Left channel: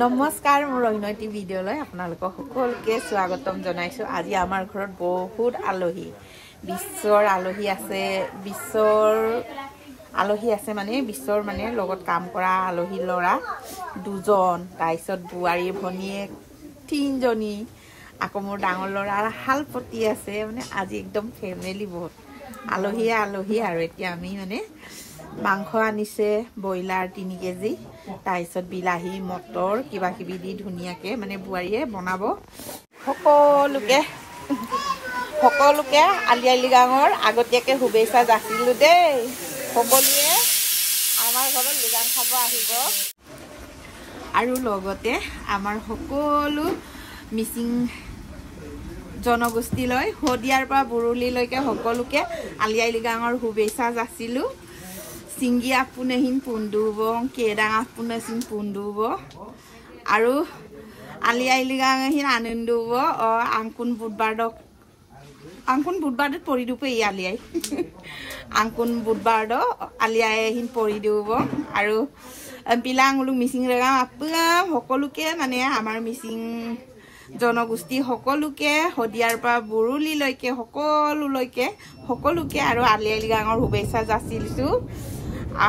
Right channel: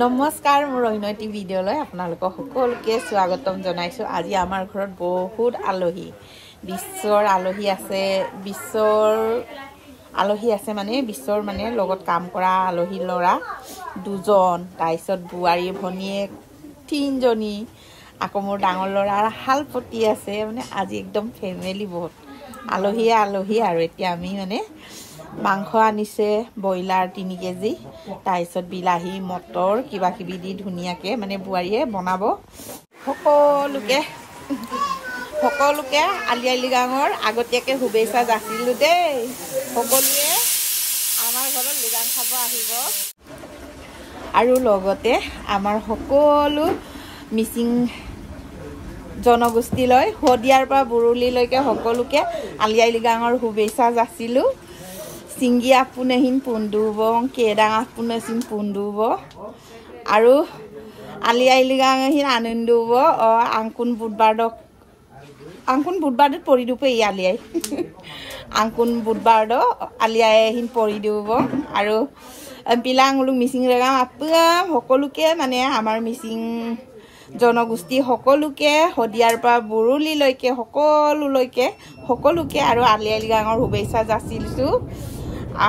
নমস্কাৰ মোৰ অন্যটি ভিডিঅ'লৈ আপোনালোকক সকলোকে স্বাগতম জনাইছো। আজি আমাৰ ঘৰত বহুত আলহী বিশ্বৰ আলহী আছে মানে বিশ্বৰ মানে লগত কাম কৰা আলহী ল'ৰা দুজন, তাৰপিছত বোৱাৰী ভনীয়েক তিনিজনী, আকৌ মোৰ ডাঙৰ ল'ৰাৰ হালপতি আছে। মানে আজি একদম ফেমিলি বহুত আলহী আৰু এতিয়া আমি মানে মাংস আনিছে ব্ৰইলাৰ 3 কেজি, তাৰপিছত বিলাহী মটৰ কিবা কিবি দি ধুনীয়াকে মানে বোৱাৰীয়ে বনাব। সকলোকে আলি আই লৃগাঙৰ আগতীয়াকে শুভেচ্ছা যাচিলো দেই। সকলোৱে আমাৰ ঘৰত লৃগাং খাব আহিব আৰু লগতে আমাৰ সকলো মিচিং জনগোষ্ঠীলৈ শদিয়াৰ পৰা বুৰুলিলৈকে সকলোকে আলি আই লৃগাঙৰ শুভেচ্ছা যাচিলো। সিংগি আপুনেহিন পুন্দুব কেডাং আপুনেহিন পুন্দুব আৰু আলি আই লৃগাঙহিন আনন্দব আংকুন বুধবাৰত পৰি দুপে আলি আই আংকুন বুধবাৰদ আলি আইহিন পৰি দিব আৰু পিলাংলুক মিচিং ৰেগাম আপাম সকলোকে মানে আমাৰ মিচিং জনগোষ্ঠী সকলোকে শদিয়াৰ পৰা বুৰুলিলৈকে সকলোকে আৰু আলি আই লৃগাঙৰ শুভেচ্ছা যাচিছো।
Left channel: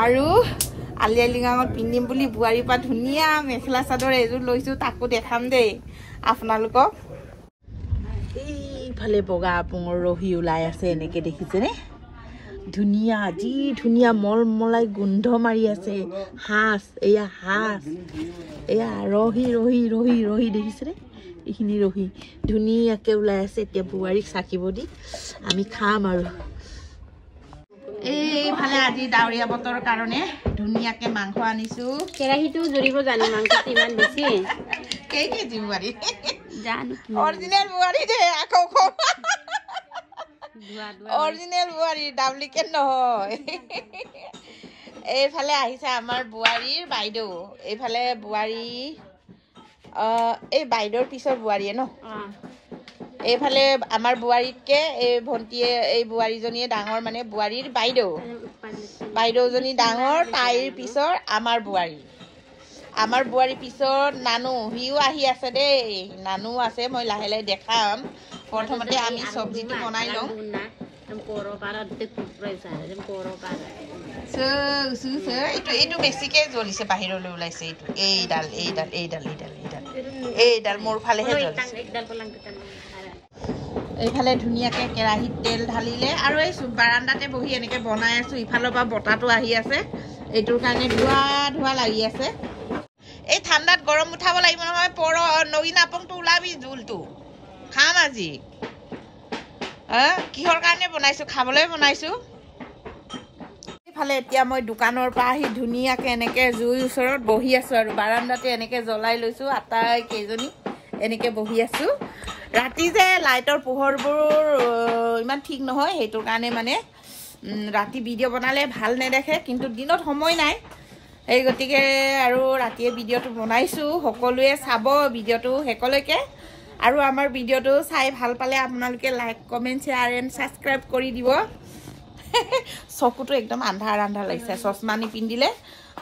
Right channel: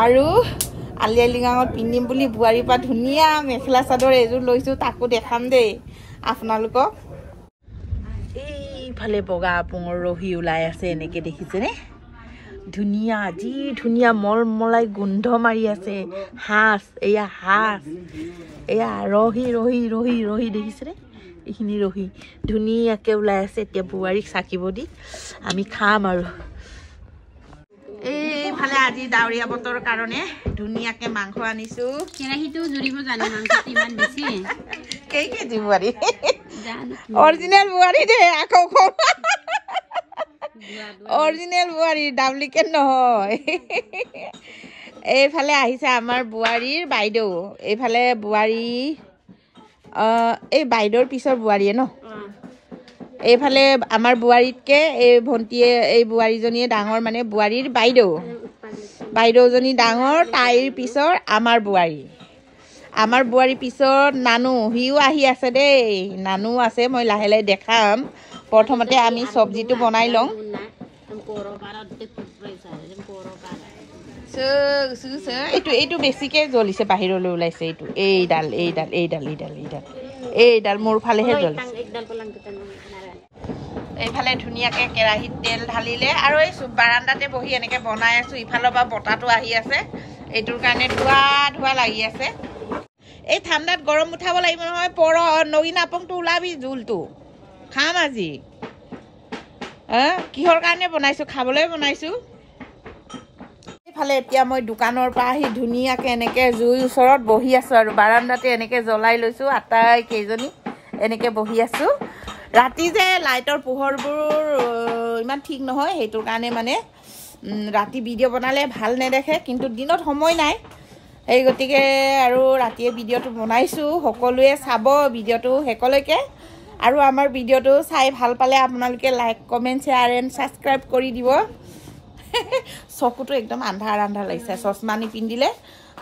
আৰু আলি আই লৃগাঙত পিন্ধিম বুলি বোৱাৰীৰ পৰা ধুনীয়া মেখেলা চাদৰ এযোৰ লৈছো, তাকো দেখাম দেই আপোনালোকক। এইফালে বগা আপুঙৰ ৰহি ওলাই আছে, এনেকে দেখিছেনে? ধুনীয়া যি ধুনীয়া মলমলাই গোন্ধ মাৰি আছে। হাঁচ এয়া ৰহি দেখিছেনে? এইখিনি ৰহি ধুনীয়াকে ওলাই আছে। এতিয়া বোৱাৰীক চাকিব দি আমি খাম আৰু এইফালে আজি ডাৱৰীয়া বতৰৰ কাৰণে ধুনীয়াকে মাংস আনিছো। কেৰাহীটো জুৰিব জানো মাংসটো ইমান বেছি কেই কেজি বোৱাৰী জানো অৰিজিনেল বোৱাৰী দে আকৌ অৰিজিনেল বোৱাৰী ডাবলিকেট নহয়। এইফালে আহিছে আমাৰ বোৱাৰীৰ বাইদেউ, এইফালে বোৱাৰী এই বাইদেউৰ পিছৰ বোৱাৰীয়ে ন, এইফালে আমাৰ বোৱাৰীতকে এই ভণ্টিয়ে এই বোৱাৰীজনীয়ে ডাঙৰ, মানে বোৱাৰীৰ বাইদেউজনী ডাঙৰ, তাইৰ পিছৰ আমাৰ বোৱাৰী পিছত নানু, সিও আহি আছে দেই। নানু আছে, মই লাহে লাহে দেখাম। প্ৰথমতে আমি চব্জিটো বনাই লওঁ। এইটো বেছিকে জ্বলিছে, বাহিৰলৈ ওলাইছে। এইডাল মোৰ ফালেহে জ্বলিছে। এইফালে ধুনীয়াকে কেৰাহীত তেল ঢালিলে আৰু এই বাৰান্দাতে বহি এনেকে বনাই আছো। ইফালৰ পৰা বতাহটো আহি আছে, এইটোৰ কাৰণে ধোৱা লাগি আছে। এই ঠাণ্ডাত গৰম উঠাব লাগিব নহয়। নগিন আপংটো ওলাবি, জোলটো খাম আজি। কিহৰ কাৰণে বনাইছো? খাবলৈ বনাইছো। এইফালে এতিয়া মই দোকানৰ পৰা আহি ধুনীয়াকে এনেকে জুইৰ ওচৰত বহি আছো আৰু বাৰান্দাতে এনেকে জ্বলাই লৈছো। আটাই কেইজনী এনেকে বহি আছো। ৰাতি যে লাইটৰ পোহৰবোৰ ইমান ঠিক নহয়, সেইটো কাৰণে মানে ৰাতি ভিডিঅ' বনালে ভাল নেদেখে, কিন্তু দিনত সময় নাই, এই গতিকে আৰু ৰাতিয়ে ভিডিঅ'টো বনাইছো। সকলোৱে চাব ভিডিঅ'টো শেষলৈকে, আৰু আমাৰ ভিডিঅ'টো চাই ভাল পালে আপোনালোকে like comment share and subscribe কৰি দিব। চকুটো একদম আন্ধাৰ লাগিছে, চশমা নিপিন্ধিলে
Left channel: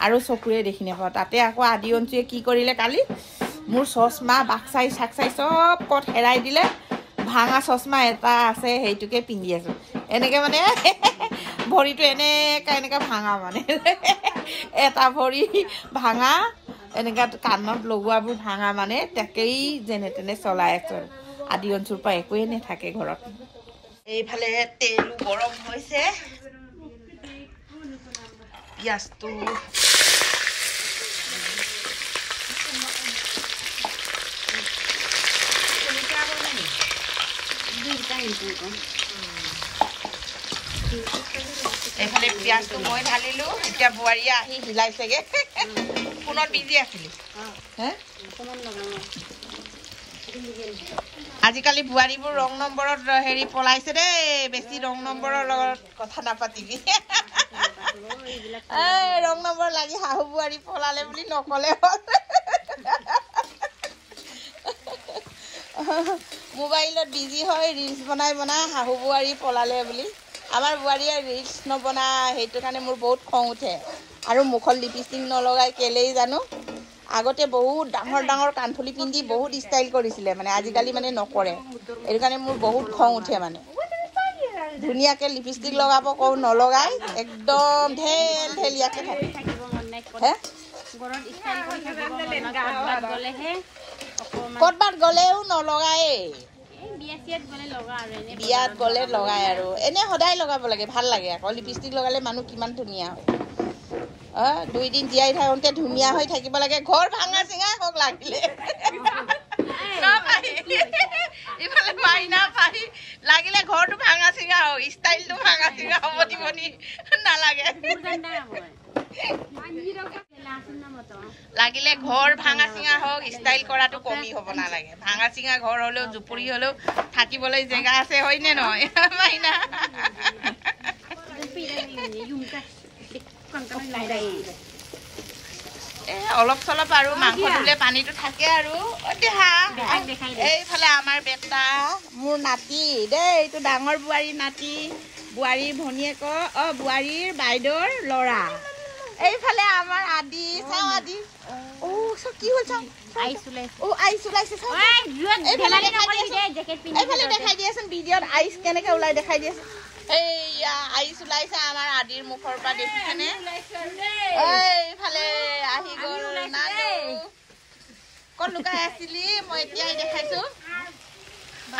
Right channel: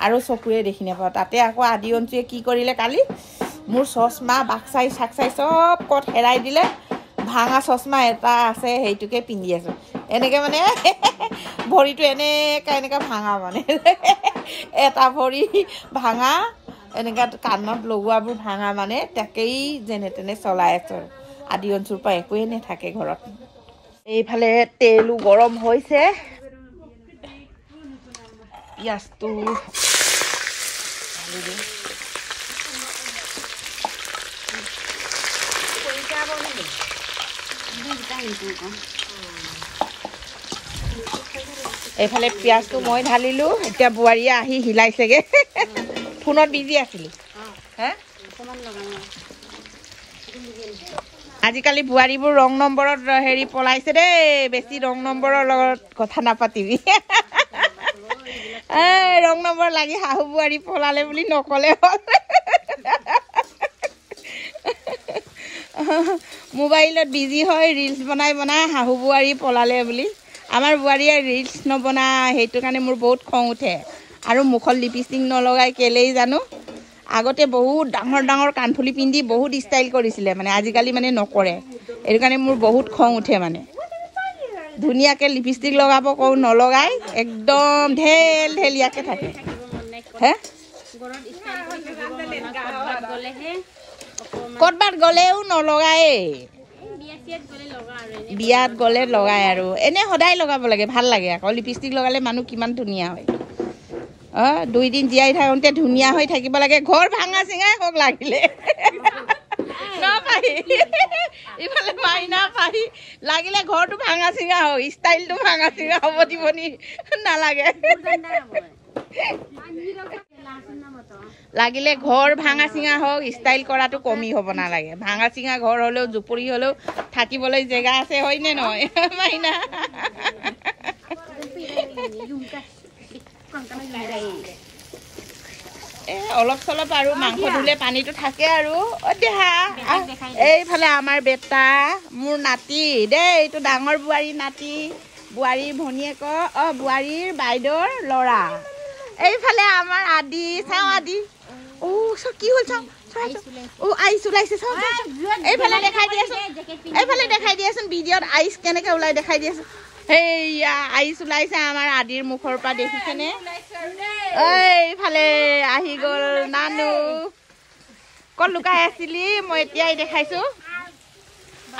আৰু চকুৱে দেখি নাপাওঁ। তাতে আকৌ আদি অঞ্চুৱে কি কৰিলে কালি, মোৰ চশমা বাক্সাই চব ক'ত হেৰাই দিলে। ভাঙা চশমা এটা আছে, সেইটোকে পিন্ধি আছো। এনেকে মানে ভৰিটো এনেকা ভাঙা, মানে এটা ভৰি ভাঙা, এনেকা কাণত লগোৱাবোৰ ভাঙা, মানে তাকেই যেনে তেনে চলাই আছো। আদি অঞ্চুৰ পৰা একোৱে নাথাকে ঘৰত। এইফালে তেলো গৰম হৈছে, পিঁয়াজটো এইফালে পিঁয়াজটো মই ঢালিলো। এতিয়া বোৱাৰীয়ে আহি হিলাইছেগে। ফোনত বিজি আছিলি? আজিকালি বোৱাৰীবোৰ ৰং নম্বৰত পলাইছে দেই। বেছি ৰং নম্বৰৰ লগত কথা নাপাতিবি। ৰং নম্বৰ লাগি শাহু বোৱাৰী পলালে বুলি নকলে হ'ল। মোবাইলত বিজি হয়, ৰিলচ বনাই শাহু বোৱাৰী পলালে বুলি। আমাৰ বোৱাৰীয়ে ৰিলচ নবনায়, সেইটো কাৰণে মোৰ বহুত খং উঠে। আৰু মুখত লিপষ্টিক নলগাই কেলেই জানো। আগতে বহুত ডাঙৰ ডাঙৰ কাণফুলি পিন্ধি বহুত ষ্টাইল কৰিছিলে মানে আজিকালি মানে নকৰে এইটো কাৰণে মোৰ বহুত খং উঠে মানে ধুনীয়াকৈ লিপষ্টিক লগাব কওঁ নলগাই একদম ঢেল ঢেলিয়াকৈ থাকে হে ক'ৰবাত গ'লেও নলগাই বিয়াত গ'লে লগাই আৰু এনে সদায় লগাব লাগে ভাল লাগে আকৌ লিপষ্টিক লগালে মানুহ কিমান ধুনীয়া হয় 2 দিন জীয়াই থাকোঁতে ধুনীয়া হৈ থাকিব লাগে ঘৰ ভাঙা চিঙাই হওক লাগিলে ইফালে মাইনা পাহি লাগিলে ঘৰটো ভাঙা চিঙা হওক ষ্টাইলটো ভাঙা চিঙা হ'ব দিবনি নালাগে লাগিলে ঘৰ ভাঙা চিঙা হওক ষ্টাইল কৰাটো কমি হ'ব নালাগে ভাঙা চিঙা ঘৰ হ'লেও জুপুৰি হ'লেও থাকিবলৈ জেগা আছে হয়নে নহয় মাইনা অলপ চলপ আৰু মাংস ধুলে পানীটো থাকে আৰু দেহা এইফালে আমাৰ বেটা মোৰ নাতি দেই এইটো ডাঙৰ বোৱাৰী নাতি বোৱাৰীৰ ভনীয়েক বোৱাৰীৰ বাইদেউৰ ল'ৰা এইফালে আমাৰ আদি চাওঁ আদি কি হ'ল চাওঁ আইচ ওলাইছে এইফালে দেখাই দিয়াচোন ভিডিঅ'ত আইচ কেনেকে ওলাই দেখাই দিয়াচোন সেইয়া আইচ ওলাইছে আমাৰ আদিৰ মুখৰ পৰা দেখিছেনে এইফালে আহি গ'ল নানু ক'ত লুকাই আছিলি মই এতিয়াই দেখাইছো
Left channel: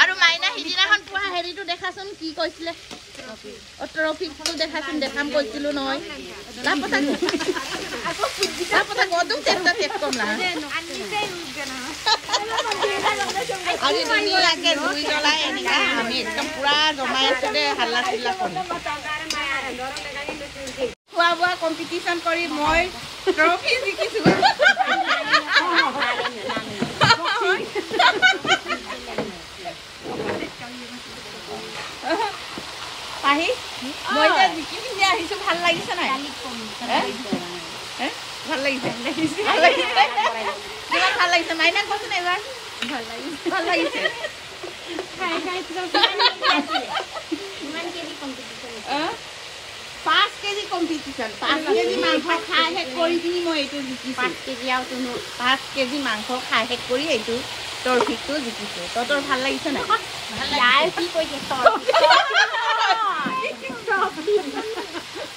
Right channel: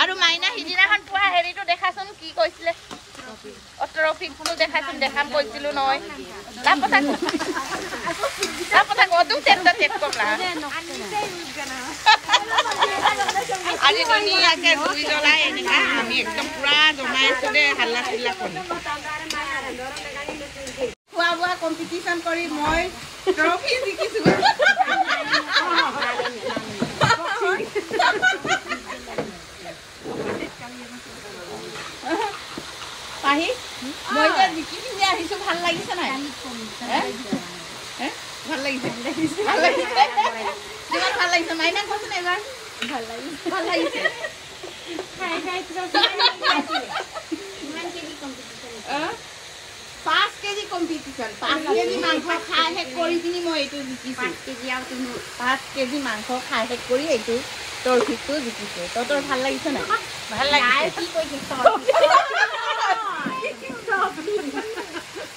আৰু মাইনা সিদিনাখন পোৱা হেৰিটো দেখাচোন কি কৈছিলে ট্ৰফিখনো দেখাচোন দেখাম কৈছিলো নহয় খোৱা বোৱা কম্পিটিশ্যন কৰি মই ট্ৰফি জিকিছো পাহি মই যে জিকি পিন্ধি আহিছো ভাল লাগিছে নাই ভাল লাগিছে কিমান ভাল লাগিছে মাইনা কচোন এবাৰ ভাল লাগিছে 5 কেজি কম্পিটিশ্যন 5 কেজি মাংস খাই শেষ কৰি কিনি মই এইটো জিকিছো 5 কেজি মাংস খাই শেষ কৰি এইটো ট্ৰফিটো জিকিছো তহঁতৰ ভাল লাগিছে নাই ভাল লাগিছে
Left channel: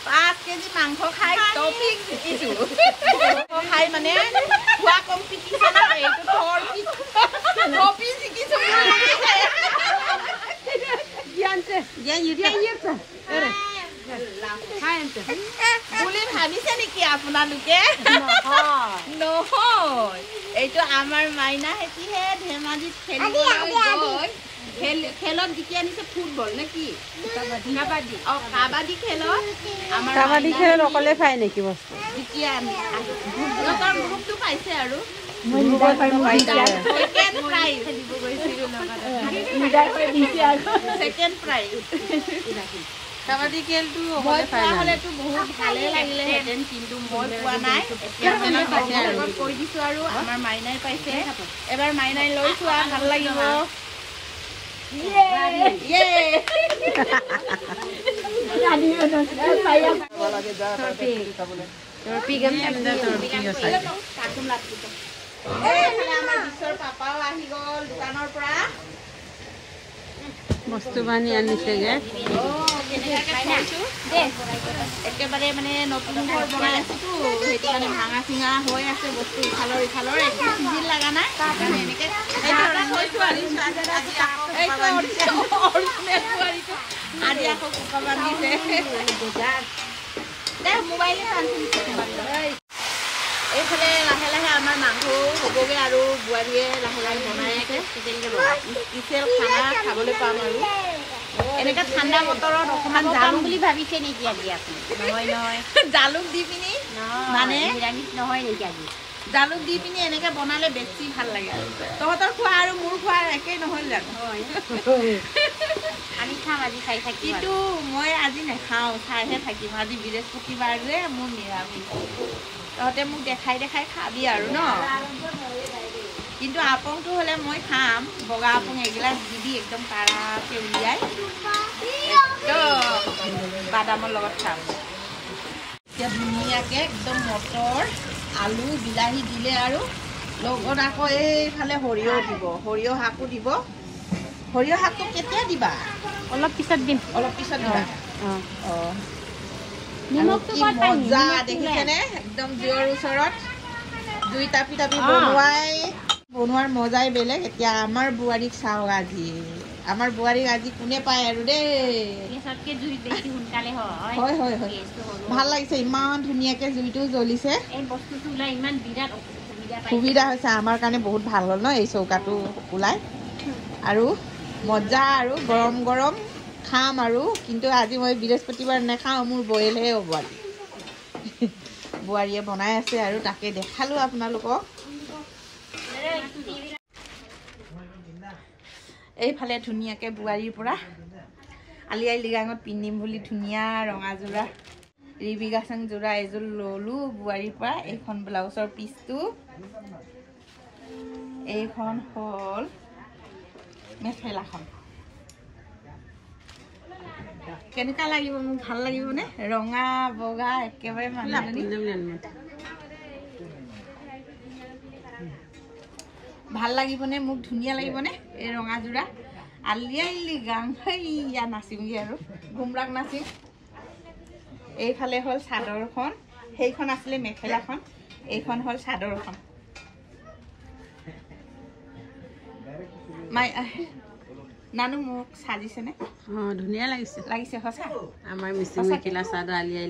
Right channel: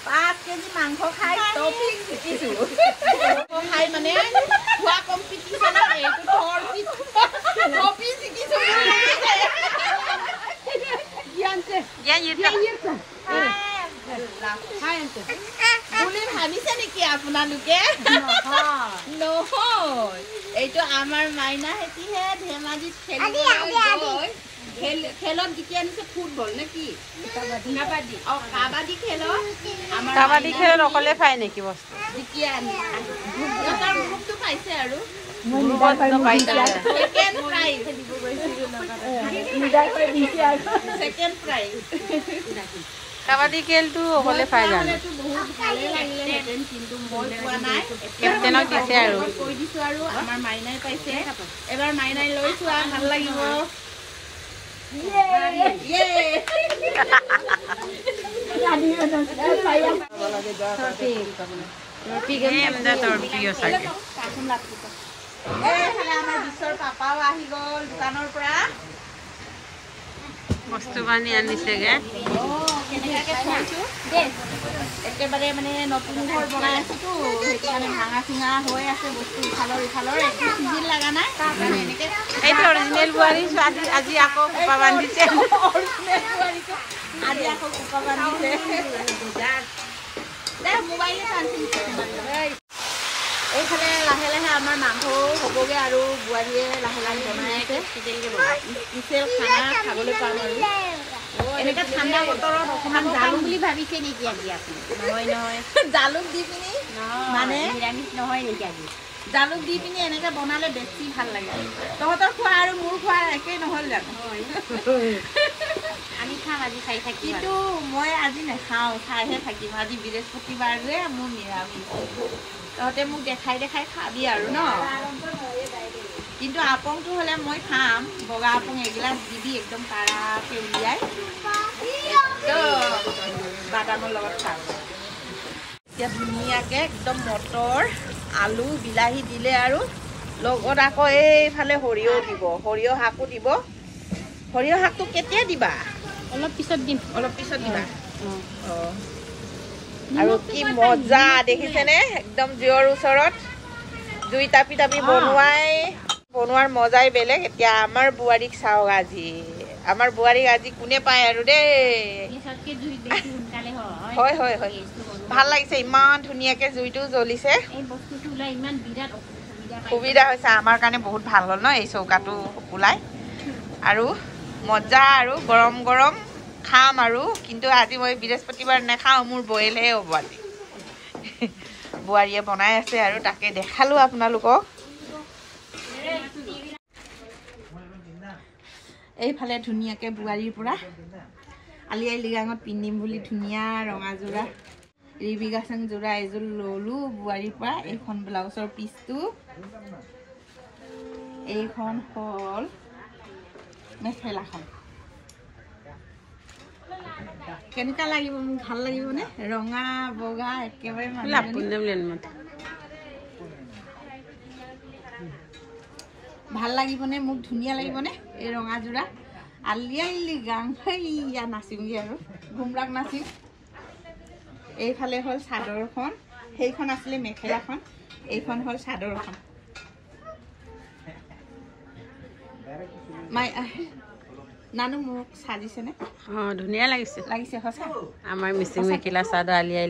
5 কেজি মাংস খাই ট্ৰফি জিকিছো খাই মানে খোৱা কম্পিটিশ্যনত এইটো ট্ৰফি জিকিছো বুলি ভাবিছে নেকি আপোনালোকে নহয় এইটো আমাৰ মাইনা হেতিহে ধেমাজিত খেলিবলৈ গৈ খেলত জিকি আনিছে ফুটবল নে কি কাবাডী খেলত আমাৰ কাবাডী খেলত অকলে খায় নেকি বস্তু জিকি আনি সিহঁতৰ গ্ৰুপটো পাইছে আৰু ছেকেণ্ড প্ৰাইজ কাবাডী খেলটো অকলে পাই যালেতো বহুত ভালে লাগিলেহেঁতেন কিন্তু মই পোৱা নাই কেপ্টেনক দিছে আৰু কৈ দিছো আৰু আমাৰ মাইনাই পাইছে এবাৰ মাইনাই লৈ চোৱা ভাল লাগিব পাপাও আহি গ'ল দোকানৰ পৰা বস্তু বানি আনিছেগে একেবাৰে মানে নতুন ঘৰ বনাই আছোতো সেইটো কাৰণে ভাঙা চিঙা হৈ আছে বস্তু ইফালৰ একো চিজিল লগা নাই কাৰণে এনেকে আজি আকৌ কুকা বান্ধিছে আজি আকৌ কুকা বান্ধিছে মোবাইলে এইফালে লাহে লাহে আমাৰ মাংস হ'বগৈ আৰু বোৱাৰীয়ে লাহে লাহে বনাই আছে স্পেচিয়েল খানা খাবলৈ পাম আৰু এনেকে ঠাণ্ডা বতৰত অকণমান জালুক বুলি ভাবিছে নেকি আজি আপুনি নহয় জালুক দি পিনি মানে নিৰামিষ নহয় নেকি আজি জালুক দি পিনি এনেকে বনালে বেছি ভাল লাগে তহঁতৰ খোৱা আৰু মোৰ খোৱা একেই নহ'ল জানো আমি খাম আজি খাই থাকিম কিন্তু মই আজি নাখাওঁ খাইহে থাকিম আজি বৃহস্পতিবাৰ যে মোৰ নিৰামিষ তহঁতে মোক দেখাই খাবি আৰু ন কিন্তু আপংটো হ'লে মই খাম বগা আপং এগিলাচ দিবি একদম কাৰাকে উলিয়াই একদম বাদামৰ লগত খাম এতিয়া ধুনীয়াকৈ একদম মটৰ আলু বিলাহী দিলে আৰু লগত আকৌ এইফালে সৰিয়হ দিব সৰিয়হ শাকো দিব সৰিয়হ শাকটো কেতিয়া দিবা অলপ পিছত দিম অলপ পিছত দিবা আৰু নিমখটো কি বৰ পানী, মজা নিমখটো দেখিছেনে একদম জুইৰ ওচৰত জুই তাপি তাপি বনোৱাৰ মজাই বেলেগ এতিয়া আমাৰ বোৱাৰীক চাওক আজি আমাৰ বোৱাৰীক আজি কোনে পায় আৰু দেই গেছতকে জুই বেছি সোনকালে হয় হয় হয় হয় ভাল লাগিছে ইমান ধুনীয়াকে জুইটো জ্বলিছে এই বস্তুটো ওলাই ইমান বিৰাট সুবিধা হৈছে আমাৰ কাৰণে বহুত ভাল হ'ল ন এই চৌকাটো ওলাই আৰু মজা আৰু গৰম গৰম খাম আৰু কিন্তু আজি মই বৃহস্পতিবাৰ নাখাওঁ মোৰ বইলহে হ'ব আজি বোৱাৰীয়ে বনাই আছে আৰু তাকে দেখালো আপোনালোকক এইফালে ধুনীয়াকে বোৱাৰীৰ পৰা আলি আই লৃগাঙত পিন্ধিম বুলি ধুনীয়া ৰঙা যোৰা ৰিবিগাচং যোৰা এযোৰ ললো বোৱাৰীৰ পৰা এইখন ব্লাউজৰ পিচটো এইখন হ'ল মেখেলাখন কেনেকুৱা লাগিব মোক ভাল লাগিবনে ৰঙা বগা একেবাৰে ভাল লাগিবনে মোক ধুনীয়া লাগিবনে এই ৰঙা যোৰা আলি আই লৃগাং হেইয়া নাচিমগৈ আৰু ঘুমৰাক নাচিম এইফালে হ'ল চাদৰখন সেইখন আছিলে মেখেলাখন এইখন হ'ল চাদৰখন নানু মোক সাজিছেনে ধুনীয়া লাগিছে লাগিছে সঁচা আমাৰ মিচিং মেখেলা চাদৰ আলি আই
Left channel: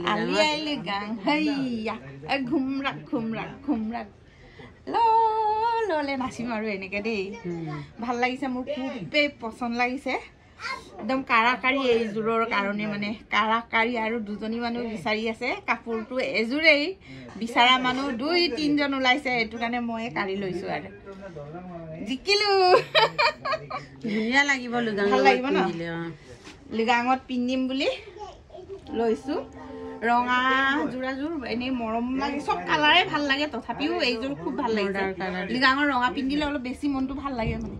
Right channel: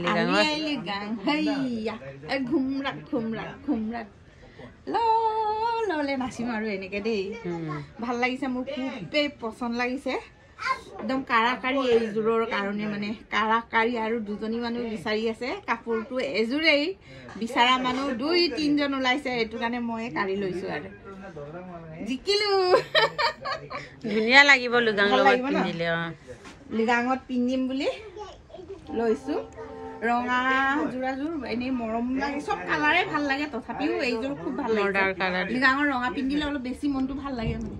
লৃগাং হেইয়া ঘুমৰাক ঘুমৰাক ঘুমৰাক ললে নাচিম আৰু এনেকে দেই ভাল লাগিছে মোৰ খুবেই পচন্দ লাগিছে একদম কাৰাকাৰী এইযোৰৰ কাৰণে মানে কাৰাকাৰী আৰু দুজনী মানুহ বিচাৰি আছে কাপোৰটো এযোৰেই বিচাৰা মানুহ 2-3জন ওলাইছে এইটো কাৰণে মই কাঢ়ি লৈছো আৰু জিকিলো ধুনীয়া লাগিব লৃগাঙত পিন্ধিম বুলি লৈছো ৰঙা যোৰাযোৰ এনেই মৰম লাগে চব কালাৰে ভাল লাগে তথাপিও এইযোৰ খুব ভাল লাগে লৃগাঙৰ ৰঙা পিন্ধিলে অলপ বেছি মনটো ভাল লাগে মানে